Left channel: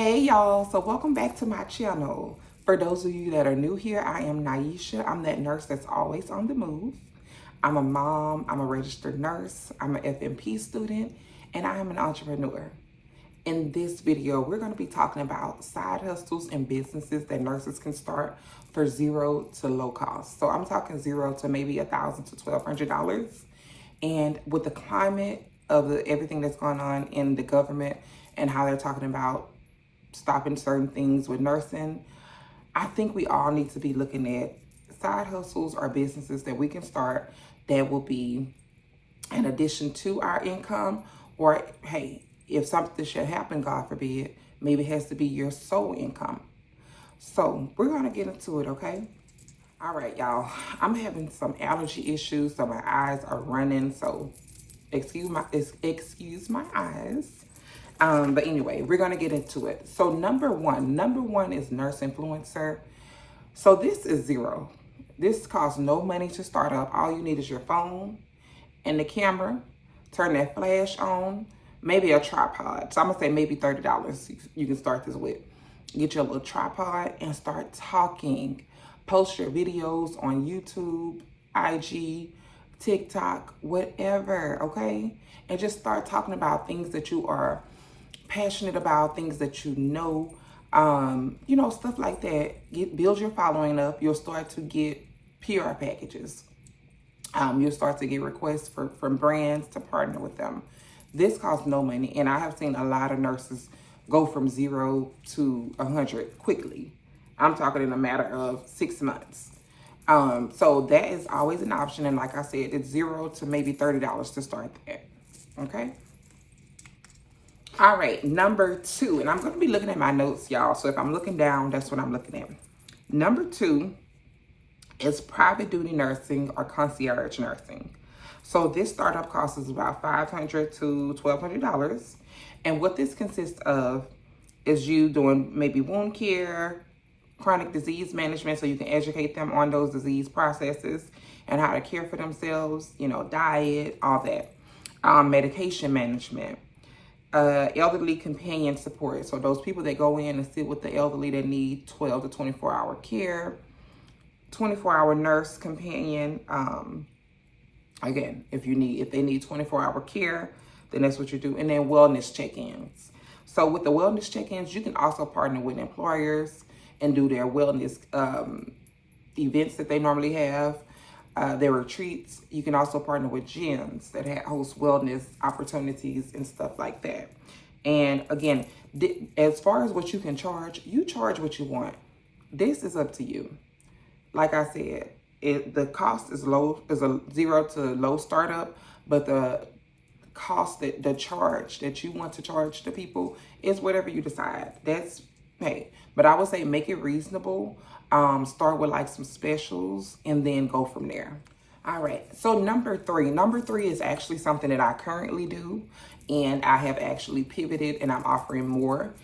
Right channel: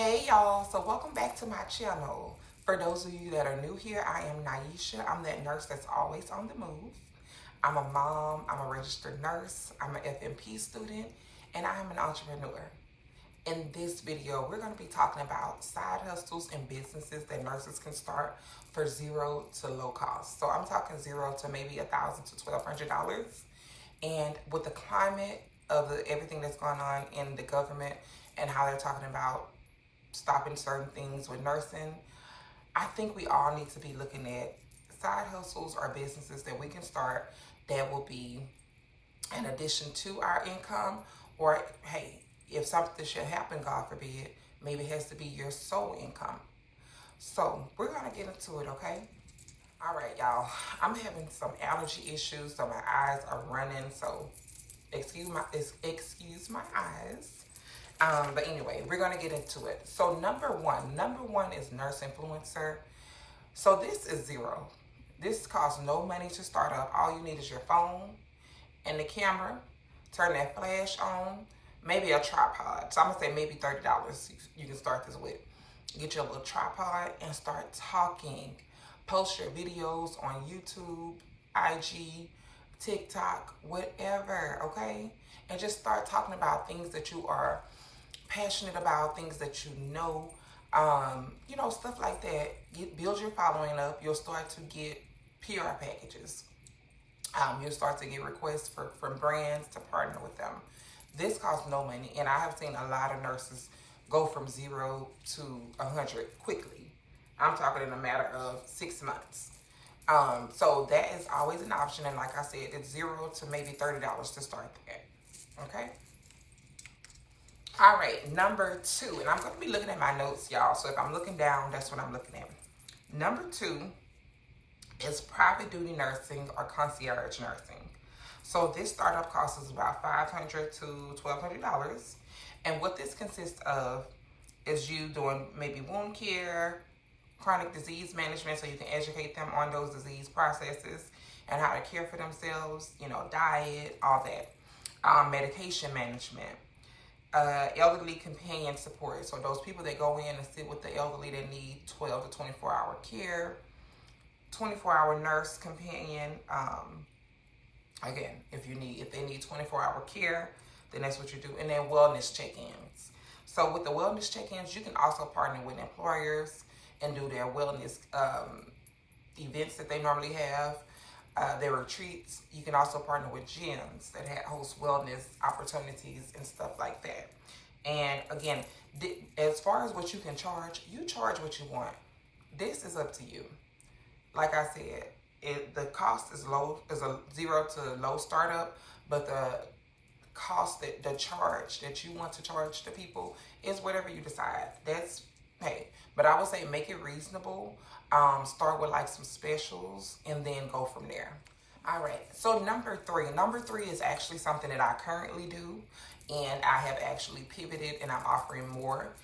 Hey y'all, so welcome back to my channel. For those of you that are new here, I am Naisha. I'm that nurse that's always on the move. I'm a mom, I'm a registered nurse, I'm an FNP student, and I am an entrepreneur. In this video, we're going to be talking about side hustles and businesses that nurses can start for zero to low cost. So I'm talking zero to maybe $1,000 to $1,200. And with the climate of everything that's going on in the government and how they're talking about stopping certain things with nursing, I think we all need to be looking at side hustles or businesses that we can start that will be an addition to our income, or hey, if something should happen, God forbid, maybe it has to be your sole income. So we're gonna get into it, okay? All right, y'all, I'm having some allergy issues, so my eyes are running, so excuse my eyes. But anyway, we're gonna get into it. So number one is nurse influencer. So this is zero. This costs no money to start up. All you need is your phone and the camera. Turn that flash on, maybe a tripod. So I'm gonna say maybe $30 you can start this with. Get your little tripod and start talking. Post your videos on YouTube, IG, TikTok, whatever, okay? And just start talking about things that you are passionate about, things that you know, stuff like that. Build your following up. You'll start to get PR packages. You'll start to get requests from brands to partner with them. This costs no money, and I have seen a lot of nurses go from 0 to 100 quickly. I'm talking in a matter of 6 months. So that is always an option, and like I said, it's 0 to maybe $30 to start that, okay? All right, number 2, and I'm going to be looking at my notes, y'all. So if I'm looking down, that's what I'm looking at. Number 2 is private duty nursing or concierge nursing. So this startup cost is about $500 to $1,200. And what this consists of is you doing maybe wound care, chronic disease management, so you can educate them on those disease processes and how to care for themselves, diet, all that. Medication management. Elderly companion support. So those people that go in and sit with the elderly that need 12 to 24 hour care, 24-hour nurse companion. Again, if they need 24-hour care, then that's what you do. And then wellness check-ins. So with the wellness check-ins, you can also partner with employers and do their wellness events that they normally have, their retreats. You can also partner with gyms that host wellness opportunities and stuff like that. And again, as far as what you can charge, you charge what you want. This is up to you. Like I said, the cost is low, is a 0 to low startup, but the cost, the charge that you want to charge the people is whatever you decide. That's, hey, but I would say make it reasonable. Start with like some specials and then go from there. All right, so number 3 is actually something that I currently do, and I have actually pivoted and I'm offering more.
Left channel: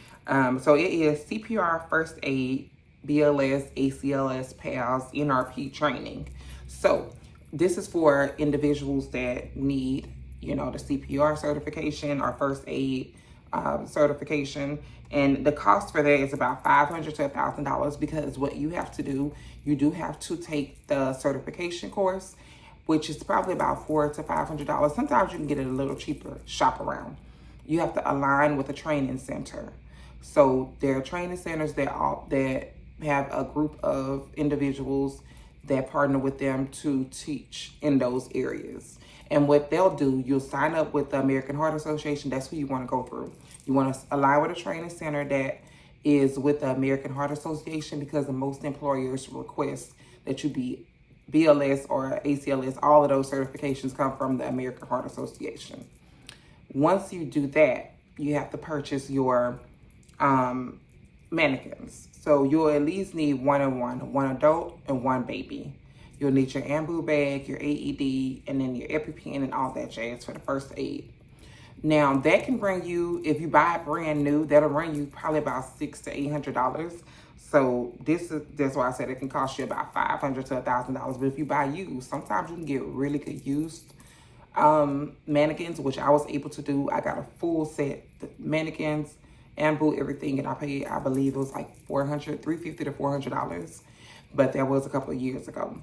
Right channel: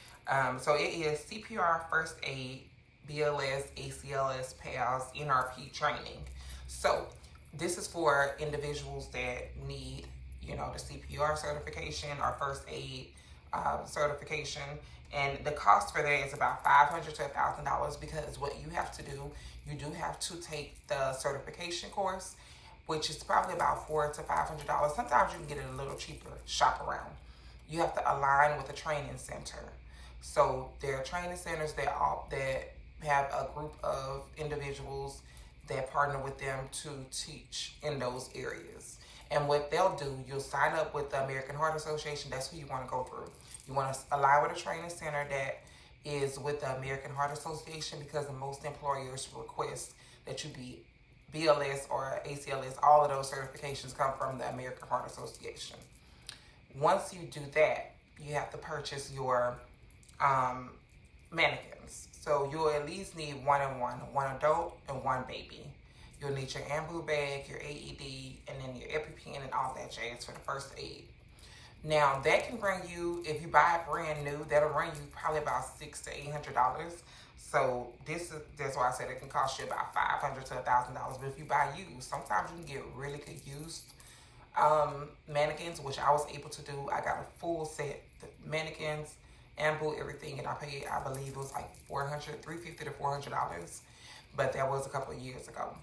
So it is CPR, first aid, BLS, ACLS, PALS, NRP training. So this is for individuals that need, the CPR certification or first aid certification. And the cost for that is about $500 to $1,000, because what you have to do, you do have to take the certification course, which is probably about $400 to $500. Sometimes you can get it a little cheaper, shop around. You have to align with a training center. So there are training centers that have a group of individuals that partner with them to teach in those areas. And what they'll do, you'll sign up with the American Heart Association. That's who you want to go through. You want to align with a training center that is with the American Heart Association, because the most employers request that you be BLS or ACLS. All of those certifications come from the American Heart Association. Once you do that, you have to purchase your mannequins. So you'll at least need one adult and one baby. You'll need your ambu bag, your AED, and then your EpiPen and all that jazz for the first aid. Now that can bring you, if you buy it brand new, that'll run you probably about $600 to $800. So that's why I said it can cost you about $500 to $1,000. But if you buy used, sometimes you can get really good used mannequins, which I was able to do. I got a full set mannequins and boo everything, and I paid, I believe it was like $350 to $400, but that was a couple of years ago.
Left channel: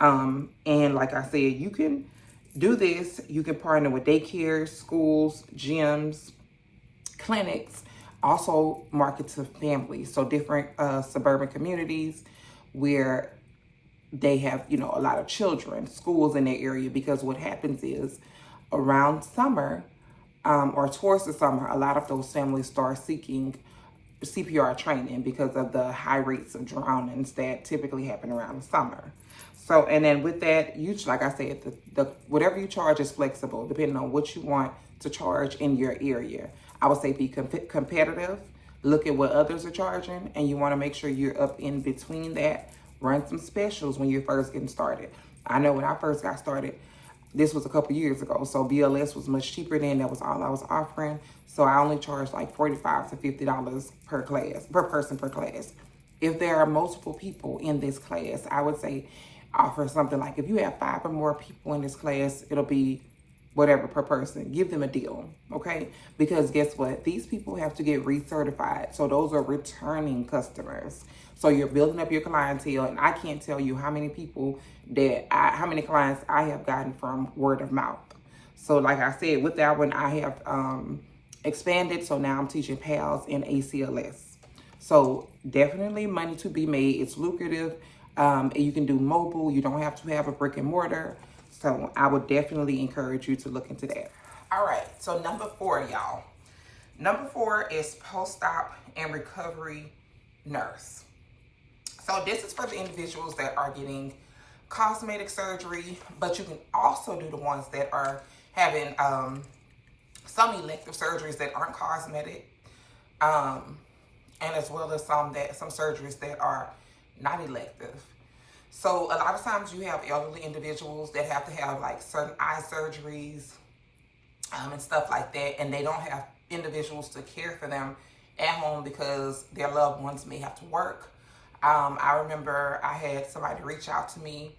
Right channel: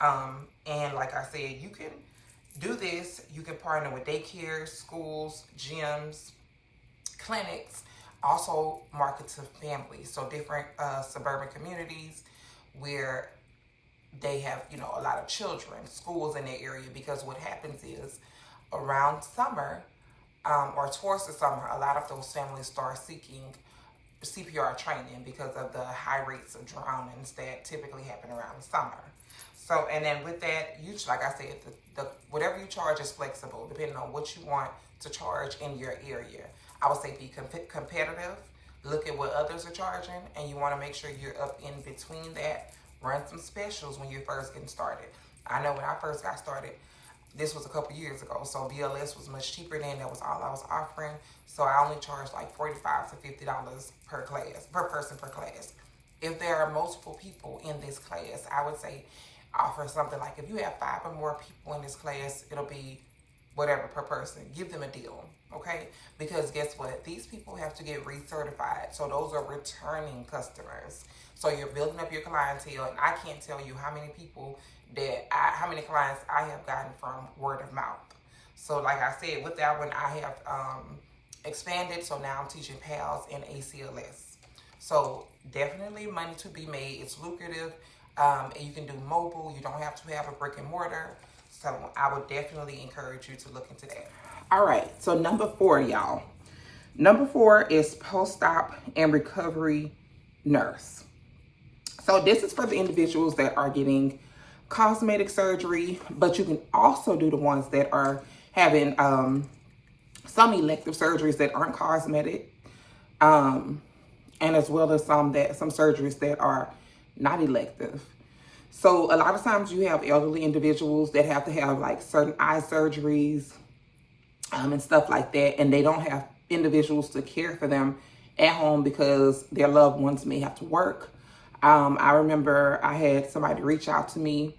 And like I said, you can do this. You can partner with daycares, schools, gyms, clinics, also market to families. So different suburban communities where they have, you know, a lot of children, schools in their area, because what happens is around summer or towards the summer, a lot of those families start seeking CPR training because of the high rates of drownings that typically happen around the summer. So, and then with that, you, like I said, the whatever you charge is flexible depending on what you want to charge in your area. I would say be competitive, look at what others are charging, and you want to make sure you're up in between that. Run some specials when you're first getting started. I know when I first got started, this was a couple years ago, so BLS was much cheaper then. That was all I was offering. So I only charged like $45 to $50 per class, per person per class. If there are multiple people in this class, I would say offer something like, if you have 5 or more people in this class, it'll be whatever per person. Give them a deal, okay? Because guess what? These people have to get recertified. So those are returning customers. So you're building up your clientele, and I can't tell you how many people how many clients I have gotten from word of mouth. So like I said, with that one, I have expanded. So now I'm teaching PALS and ACLS. So definitely money to be made. It's lucrative. You can do mobile. You don't have to have a brick and mortar. So I would definitely encourage you to look into that. All right, so number 4, y'all. Number 4 is post-op and recovery nurse. So this is for the individuals that are getting cosmetic surgery, but you can also do the ones that are having some elective surgeries that aren't cosmetic, and as well as some surgeries that are not elective. So a lot of times you have elderly individuals that have to have like certain eye surgeries and stuff like that, and they don't have individuals to care for them at home because their loved ones may have to work. I remember I had somebody reach out to me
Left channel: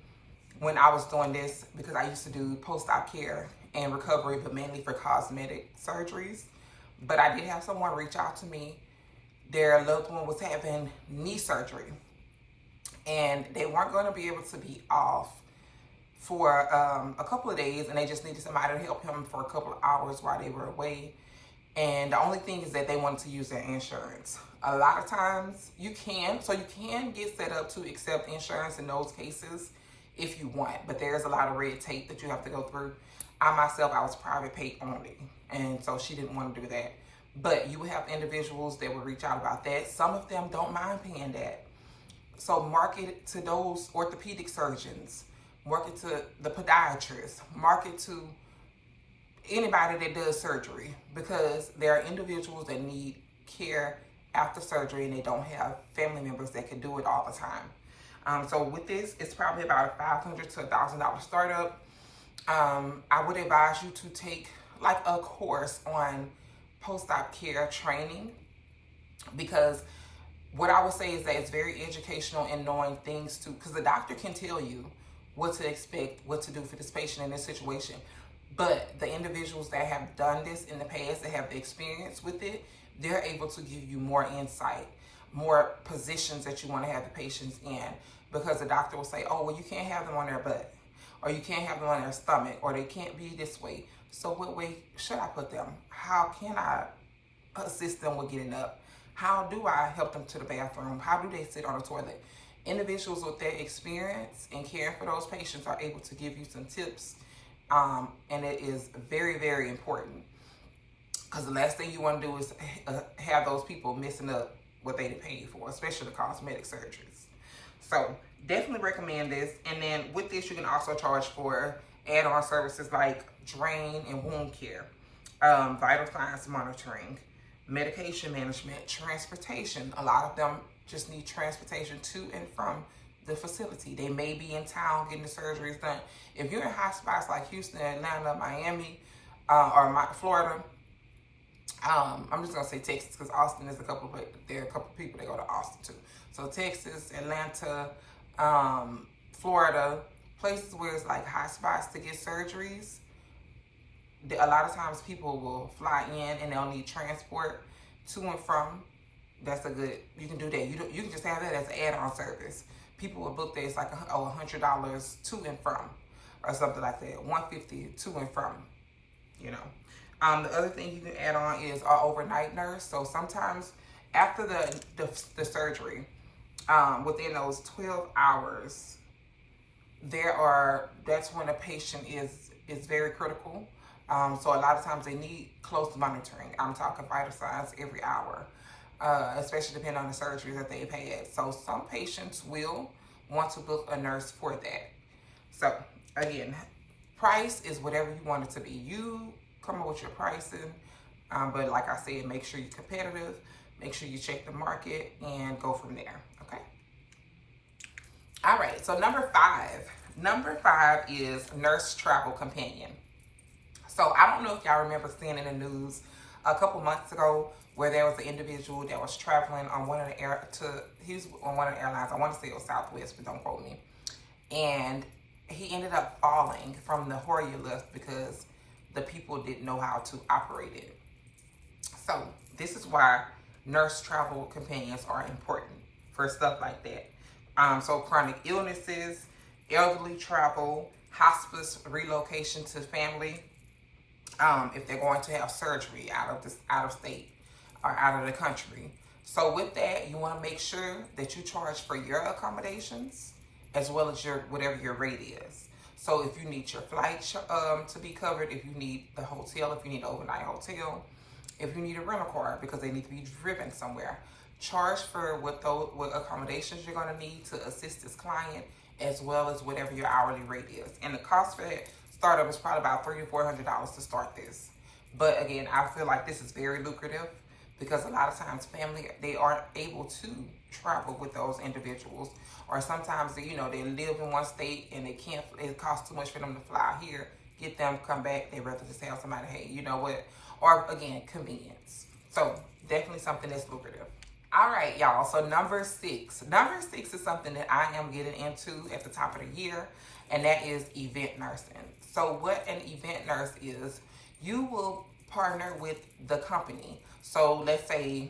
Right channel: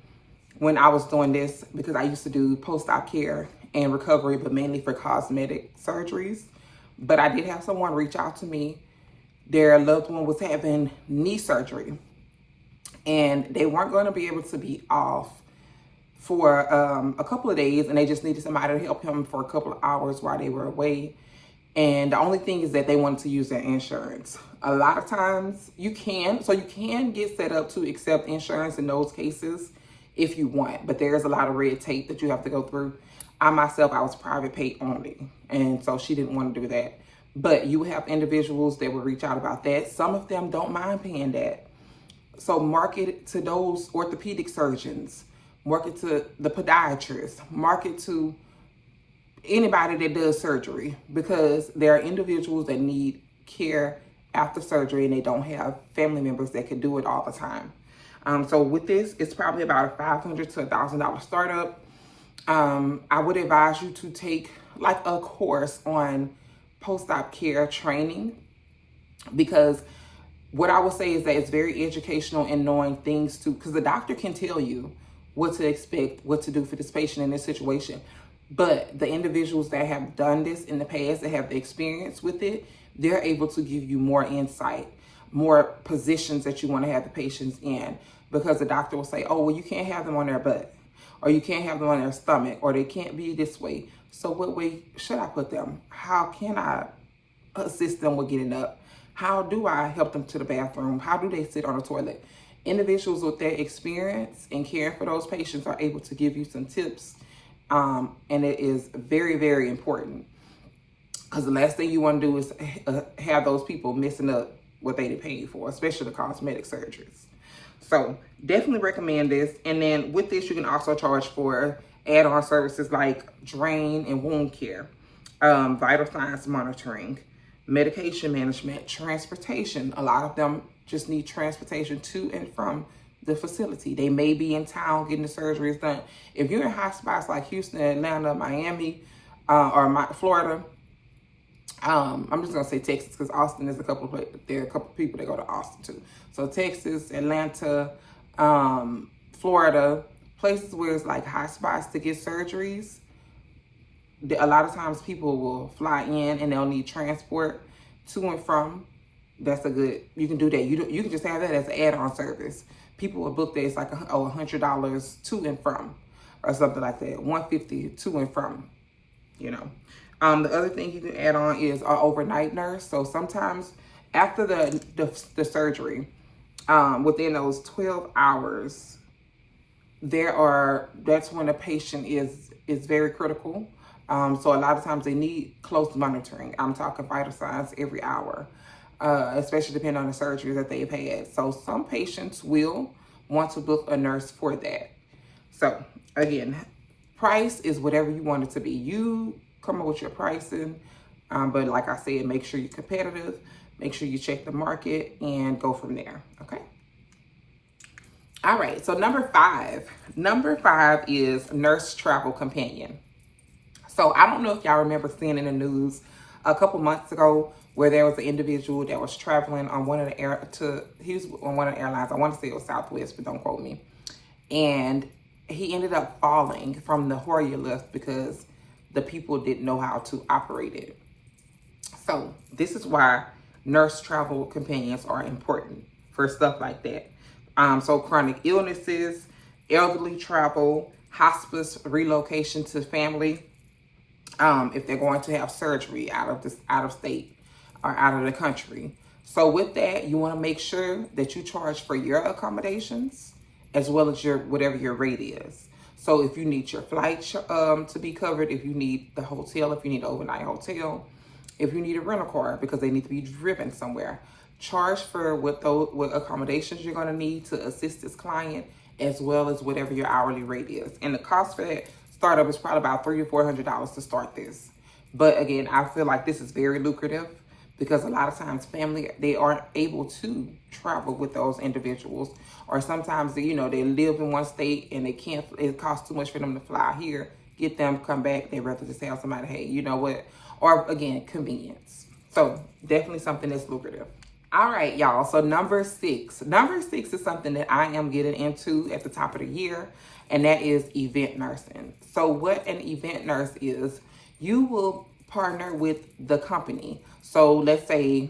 when I was doing this, because I used to do post-op care and recovery, but mainly for cosmetic surgeries. But I did have someone reach out to me. Their loved one was having knee surgery, and they weren't going to be able to be off for a couple of days, and they just needed somebody to help him for a couple of hours while they were away. And the only thing is that they wanted to use their insurance. A lot of times you can get set up to accept insurance in those cases if you want, but there's a lot of red tape that you have to go through. I was private pay only, and so she didn't want to do that. But you have individuals that will reach out about that. Some of them don't mind paying that. So market to those orthopedic surgeons, market to the podiatrists, market to anybody that does surgery, because there are individuals that need care after surgery and they don't have family members that can do it all the time. So with this, it's probably about a $500 to $1,000 startup. I would advise you to take like a course on post-op care training, because what I would say is that it's very educational in knowing things because the doctor can tell you what to expect, what to do for this patient in this situation. But the individuals that have done this in the past, that have the experience with it, they're able to give you more insight, more positions that you want to have the patients in. Because the doctor will say, oh, well, you can't have them on their butt, or you can't have them on their stomach, or they can't be this way. So what way should I put them? How can I assist them with getting up? How do I help them to the bathroom? How do they sit on the toilet? Individuals with that experience in caring for those patients are able to give you some tips. And it is very, very important, because the last thing you want to do is have those people messing up what they paid for, especially the cosmetic surgeries. So definitely recommend this. And then with this, you can also charge for add-on services like drain and wound care, vital signs monitoring, medication management, transportation. A lot of them just need transportation to and from the facility. They may be in town getting the surgeries done. If you're in hot spots like Houston, Atlanta, Miami, or Florida, I'm just gonna say Texas, because Austin is there are a couple of people that go to Austin too. So Texas, Atlanta, Florida, places where it's like hot spots to get surgeries. A lot of times people will fly in and they'll need transport. to and from. That's a good, you can do that. You can just have that as an add-on service. People will book that, it's like $100 to and from, or something like that. $150 to and from, you know. The other thing you can add on is an overnight nurse. So sometimes after the surgery, within those 12 hours, that's when a patient is very critical. So a lot of times they need close monitoring. I'm talking vital signs every hour, especially depending on the surgeries that they've had. So some patients will want to book a nurse for that. So again, price is whatever you want it to be. You come up with your pricing, but like I said, make sure you're competitive, make sure you check the market, and go from there, okay? All right, so number five is nurse travel companion. So I don't know if y'all remember seeing in the news a couple months ago where there was an individual that was traveling on one of the he was on one of the airlines. I want to say it was Southwest, but don't quote me. And he ended up falling from the Hoyer lift because the people didn't know how to operate it. So this is why nurse travel companions are important for stuff like that. So chronic illnesses, elderly travel, hospice, relocation to family, if they're going to have surgery out of state or out of the country. So with that, you want to make sure that you charge for your accommodations as well as whatever your rate is. So if you need your flight to be covered, if you need the hotel, if you need an overnight hotel, if you need a rental car because they need to be driven somewhere, charge for what accommodations you're going to need to assist this client, as well as whatever your hourly rate is. And the cost for that startup is probably about $300 to $400 to start this. But again, I feel like this is very lucrative because a lot of times family, they aren't able to travel with those individuals, or sometimes they live in one state and it costs too much for them to fly here, get them, come back. They rather just have somebody, hey, you know what? Or again, convenience. So definitely something that's lucrative. All right, y'all. So number six is something that I am getting into at the top of the year, and that is event nursing. So what an event nurse is, you will partner with the company. So let's say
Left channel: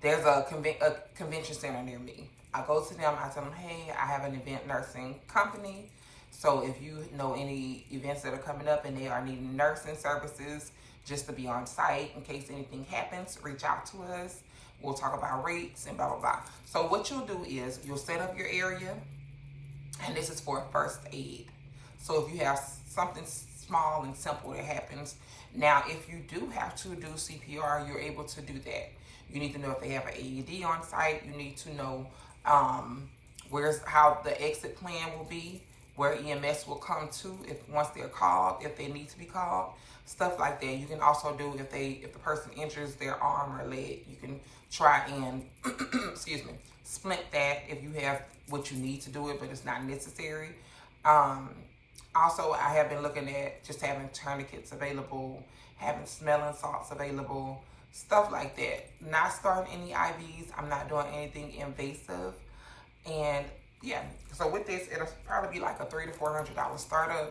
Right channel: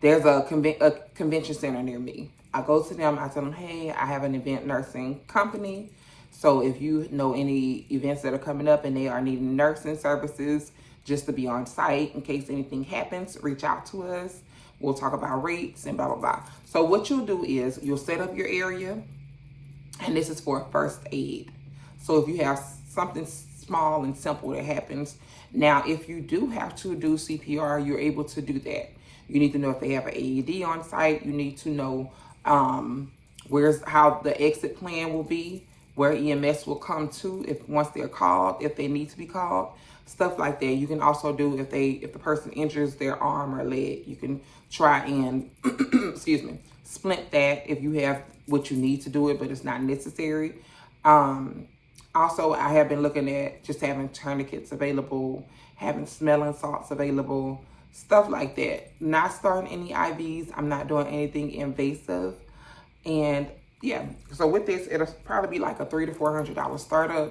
there's a convention center near me. I go to them, I tell them, hey, I have an event nursing company. So if you know any events that are coming up and they are needing nursing services just to be on site in case anything happens, reach out to us. We'll talk about rates and blah, blah, blah. So what you'll do is you'll set up your area, and this is for first aid. So if you have something small and simple that happens. Now, if you do have to do CPR, you're able to do that. You need to know if they have an AED on site. You need to know how the exit plan will be, where EMS will come to once they're called, if they need to be called, stuff like that. You can also do if the person injures their arm or leg, you can try and excuse me, splint that if you have what you need to do it, but it's not necessary. Also, I have been looking at just having tourniquets available, having smelling salts available, stuff like that. Not starting any IVs. I'm not doing anything invasive. And yeah, so with this, it'll probably be like a $300 to $400 startup.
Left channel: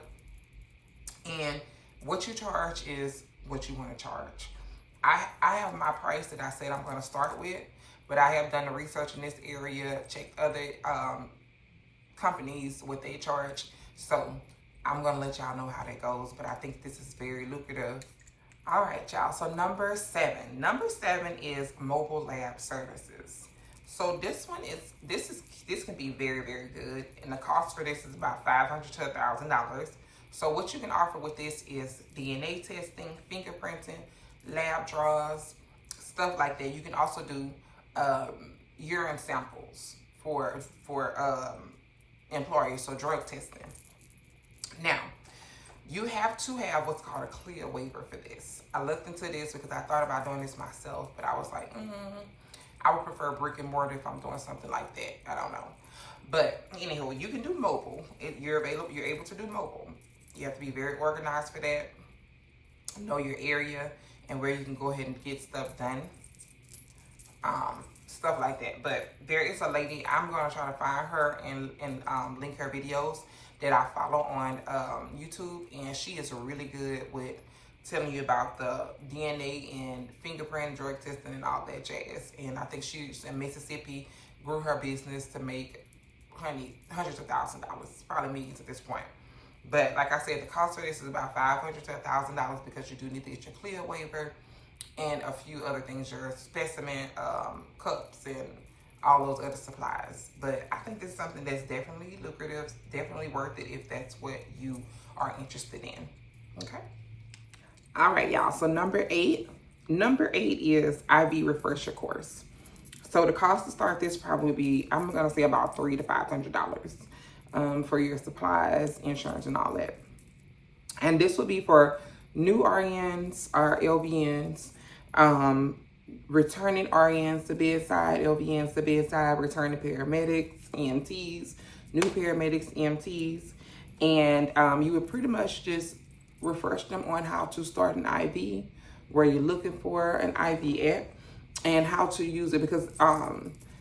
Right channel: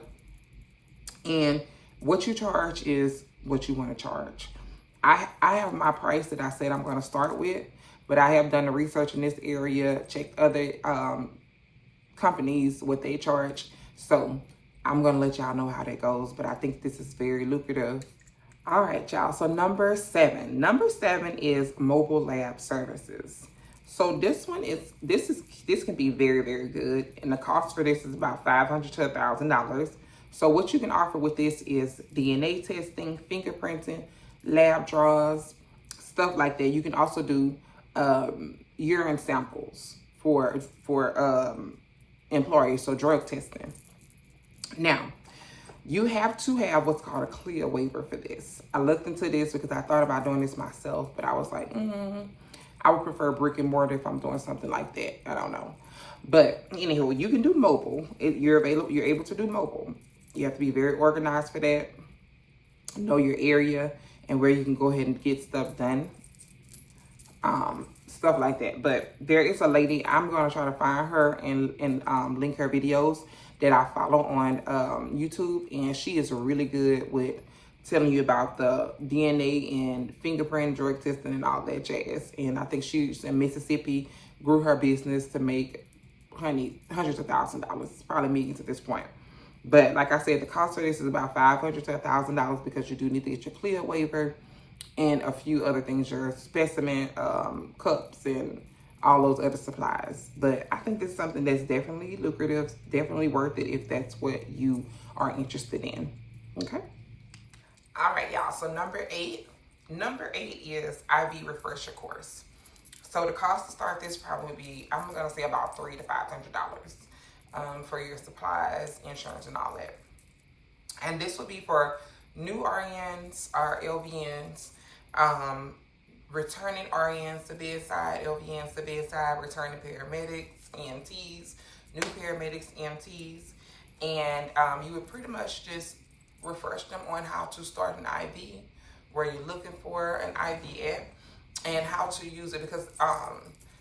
And what you charge is what you want to charge. I have my price that I said I'm going to start with, but I have done the research in this area, checked other companies, what they charge. So I'm going to let y'all know how that goes, but I think this is very lucrative. All right, y'all. So number seven is mobile lab services. So this can be very, very good. And the cost for this is about $500 to $1,000. So what you can offer with this is DNA testing, fingerprinting, lab draws, stuff like that. You can also do urine samples for employees, so drug testing. Now, you have to have what's called a CLIA waiver for this. I looked into this because I thought about doing this myself, but I was like, I would prefer brick and mortar if I'm doing something like that. I don't know. But anywho, you can do mobile. You're able to do mobile. You have to be very organized for that. Know your area and where you can go ahead and get stuff done. Stuff like that. But there is a lady, I'm going to try to find her and link her videos that I follow on YouTube. And she is really good with telling you about the DNA and fingerprint drug testing and all that jazz. And I think she's in Mississippi, grew her business to make hundreds of thousands of dollars, probably millions at this point. But like I said, the cost for this is about $500 to $1,000 because you do need to get your CLIA waiver and a few other things, your specimen cups and all those other supplies. But I think this is something that's definitely lucrative, definitely worth it if that's what you are interested in. Okay. All right, y'all. So number eight is IV refresher course. So the cost to start this probably be, I'm gonna say about $300 to $500 for your supplies, insurance, and all that. And this would be for new RNs or LVNs, returning RNs to bedside, LVNs to bedside, returning paramedics, EMTs, new paramedics, EMTs, and you would pretty much just refresh them on how to start an IV, where you're looking for an IV at, and how to use it, because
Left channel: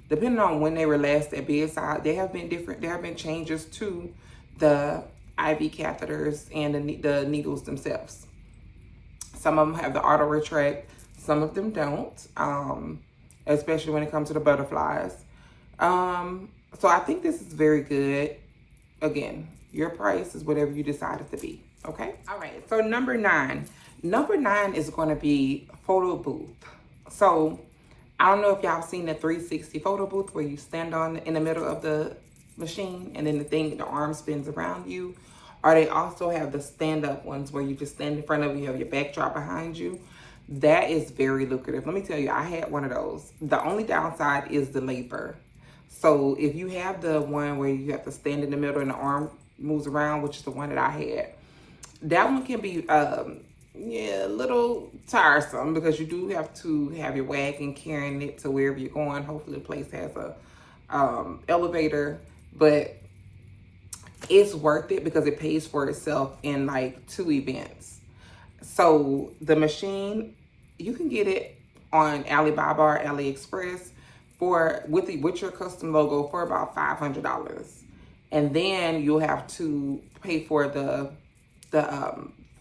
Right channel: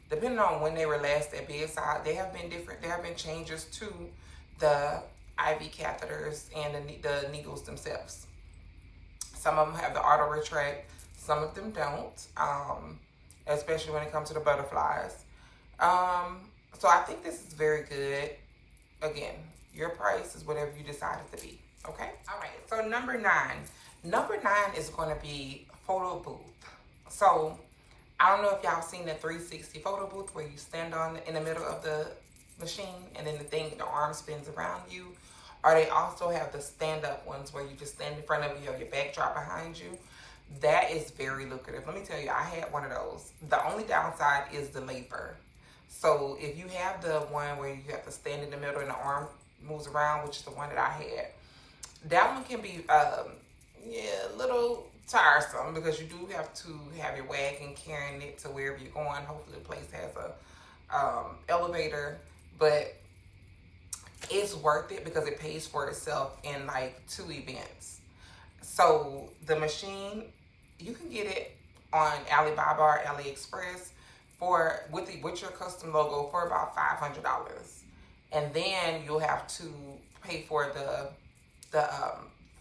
depending on when they were last at bedside, there have been changes to the IV catheters and the needles themselves. Some of them have the auto retract, some of them don't, especially when it comes to the butterflies. So I think this is very good. Again, your price is whatever you decide it to be. Okay. All right. So number nine is going to be photo booth. So I don't know if y'all seen the 360 photo booth where you stand in the middle of the machine and then the arm spins around you. Or they also have the stand-up ones where you just stand in front of you, have your backdrop behind you. That is very lucrative. Let me tell you, I had one of those. The only downside is the labor. So if you have the one where you have to stand in the middle and the arm moves around, which is the one that I had, that one can be a little tiresome, because you do have to have your wagon carrying it to wherever you're going. Hopefully the place has a elevator, but it's worth it because it pays for itself in like 2 events. So the machine, you can get it on Alibaba or AliExpress with your custom logo for about $500, and then you'll have to pay for the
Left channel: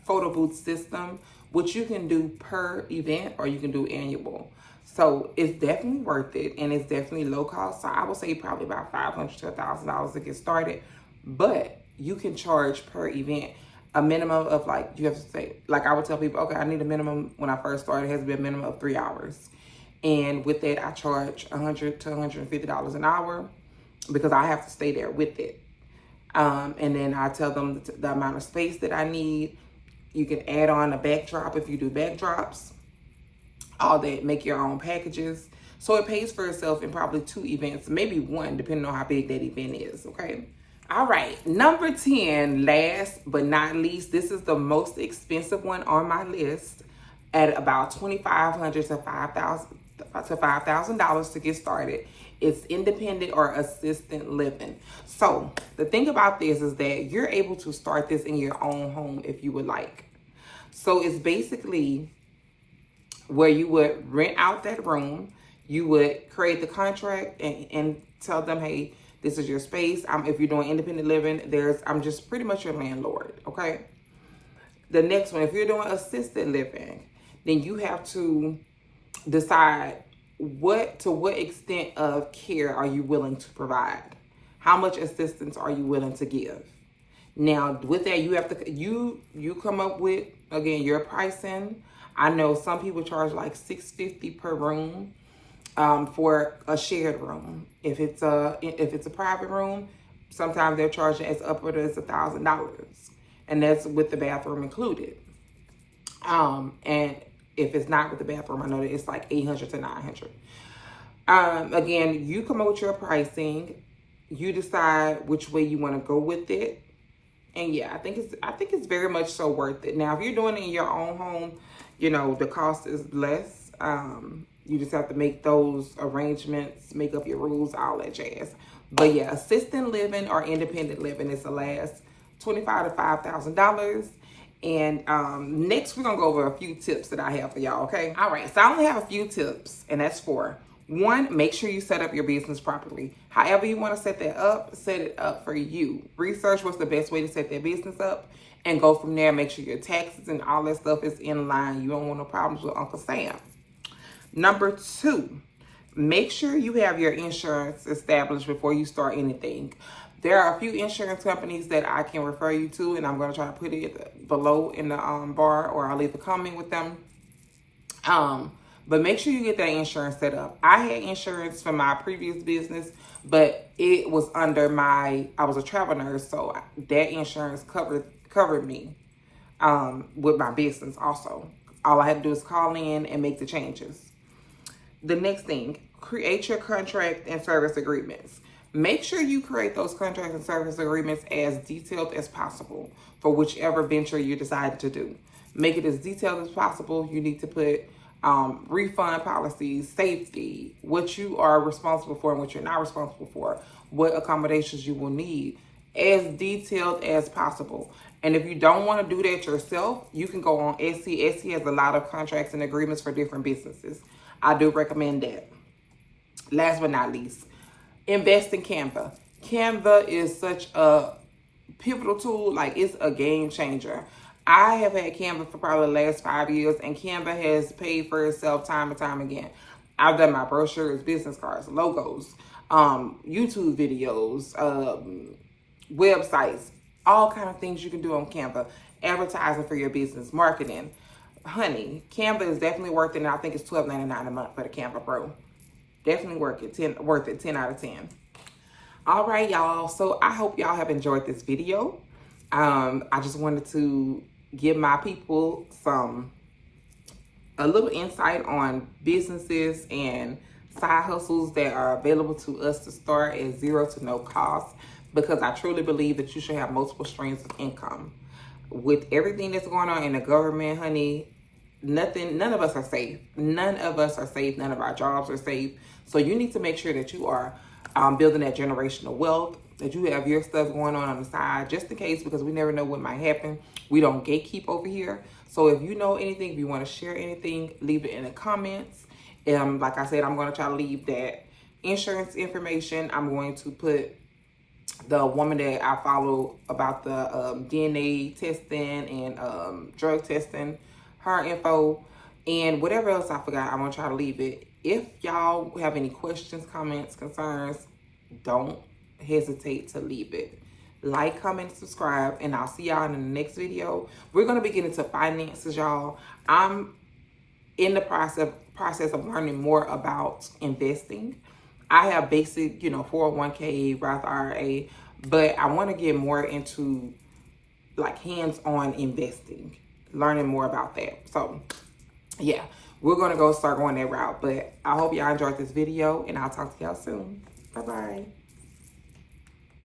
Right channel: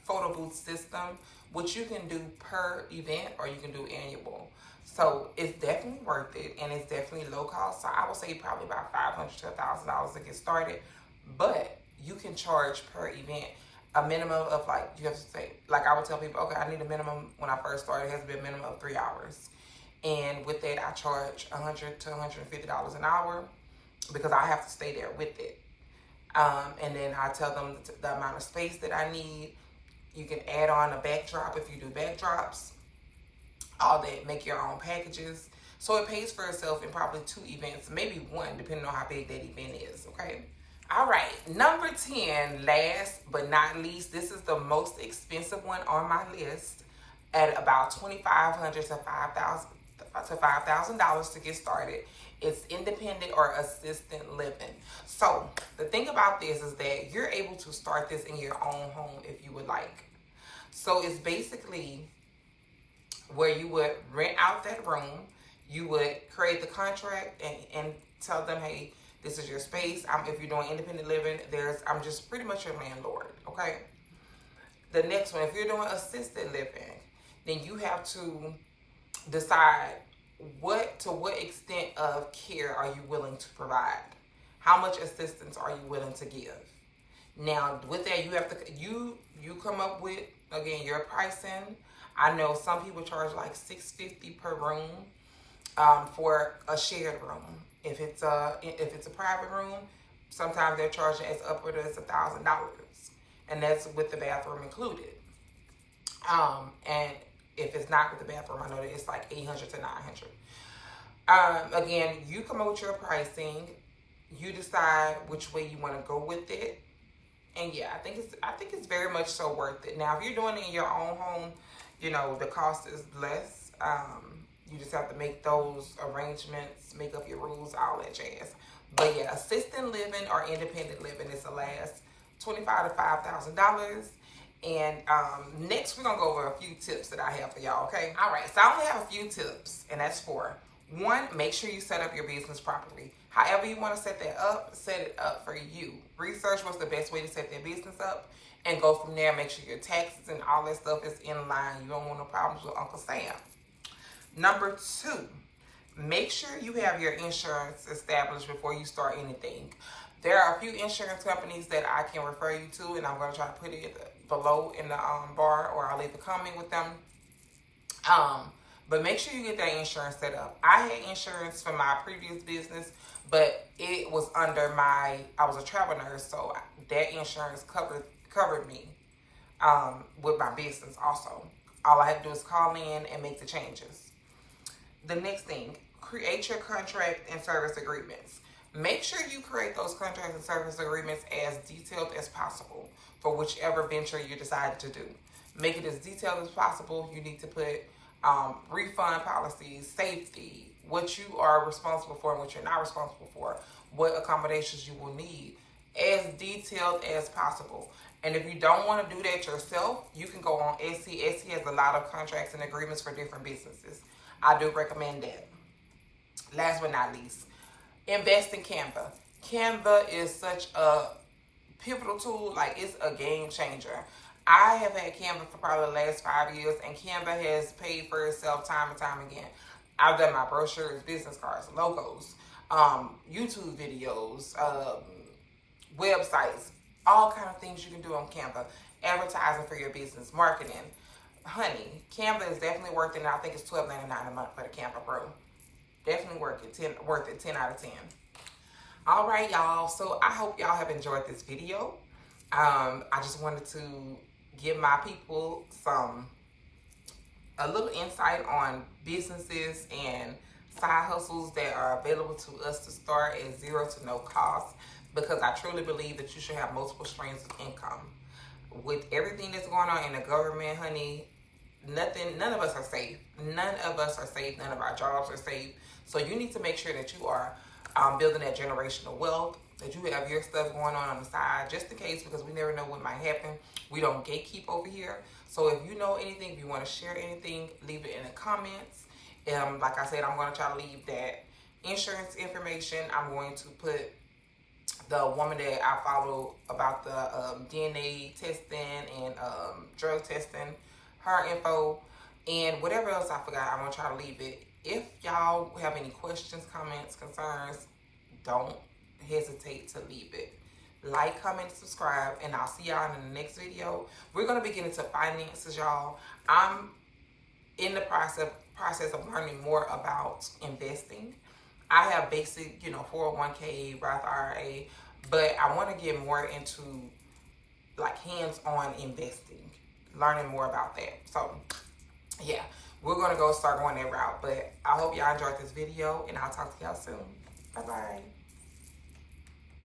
photo booth system, which you can do per event or you can do annual. So it's definitely worth it, and it's definitely low cost. So I would say probably about $500 to $1,000 to get started, but you can charge per event a minimum of, like, you have to say, like I would tell people, okay, I need a minimum. When I first started, it has to be a minimum of 3 hours. And with that, I charge $100 to $150 an hour because I have to stay there with it. And then I tell them the amount of space that I need. You can add on a backdrop if you do backdrops. All that, make your own packages. So it pays for itself in probably 2 events, maybe 1, depending on how big that event is, okay? All right, number 10, last but not least, this is the most expensive one on my list at about $2,500 to $5,000 to get started. It's independent or assistant living. So the thing about this is that you're able to start this in your own home if you would like. So it's basically where you would rent out that room. You would create the contract and tell them, hey, this is your space. If you're doing independent living, I'm just pretty much your landlord, okay? The next one, if you're doing assisted living, then you have to decide to what extent of care are you willing to provide? How much assistance are you willing to give? Now, with that, you have to you come up with, again, your pricing. I know some people charge like $650 per room for a shared room. If it's a private room, sometimes they're charging as upward as $1,000, and that's with the bathroom included. And if it's not with the bathroom, I know that it's like $800 to $900. Again, you come up with your pricing. You decide which way you want to go with it. And yeah, I think it's very much so worth it. Now, if you're doing it in your own home, you know, the cost is less. You just have to make those arrangements, make up your rules, all that jazz. But yeah, assisted living or independent living is the last $25,000 to $5,000. And next, we're going to go over a few tips that I have for y'all, okay? All right, so I only have a few tips, and that's 4. 1, make sure you set up your business properly. However you want to set that up, set it up for you. Research what's the best way to set that business up, and go from there. Make sure your taxes and all that stuff is in line. You don't want no problems with Uncle Sam. Number 2, make sure you have your insurance established before you start anything. There are a few insurance companies that I can refer you to, and I'm going to try to put it below in the bar, or I'll leave a comment with them. But make sure you get that insurance set up. I had insurance for my previous business, but it was under I was a travel nurse, so that insurance covered me with my business also. All I had to do is call in and make the changes. The next thing, create your contract and service agreements. Make sure you create those contract and service agreements as detailed as possible for whichever venture you decide to do. Make it as detailed as possible. You need to put refund policies, safety, what you are responsible for and what you're not responsible for, what accommodations you will need, as detailed as possible. And if you don't want to do that yourself, you can go on Etsy. Etsy has a lot of contracts and agreements for different businesses. I do recommend that. Last but not least, invest in Canva. Canva is such a pivotal tool. Like, it's a game changer. I have had Canva for probably the last 5 years, and Canva has paid for itself time and time again. I've done my brochures, business cards, logos, YouTube videos, websites, all kind of things you can do on Canva. Advertising for your business, marketing. Honey, Canva is definitely worth it, and I think it's $12.99 a month for the Canva Pro. Definitely worth it, 10 out of 10. All right, y'all. So I hope y'all have enjoyed this video. I just wanted to give my people a little insight on businesses and side hustles that are available to us to start at zero to no cost, because I truly believe that you should have multiple streams of income. With everything that's going on in the government, honey, none of us are safe. None of us are safe. None of our jobs are safe. So you need to make sure that you are building that generational wealth, that you have your stuff going on the side, just in case, because we never know what might happen. We don't gatekeep over here. So if you know anything, if you want to share anything, leave it in the comments. Like I said, I'm going to try to leave that insurance information. I'm going to put the woman that I follow about the DNA testing and drug testing, her info, and whatever else I forgot, I'm going to try to leave it. If y'all have any questions, comments, concerns, don't hesitate to leave it. Like, comment, subscribe, and I'll see y'all in the next video. We're going to be getting into finances, y'all. I'm in the process of learning more about investing. I have basic, 401k, Roth IRA, but I want to get more into like hands-on investing, learning more about that. So yeah, we're going to start going that route, but I hope y'all enjoyed this video, and I'll talk to y'all soon. Bye-bye.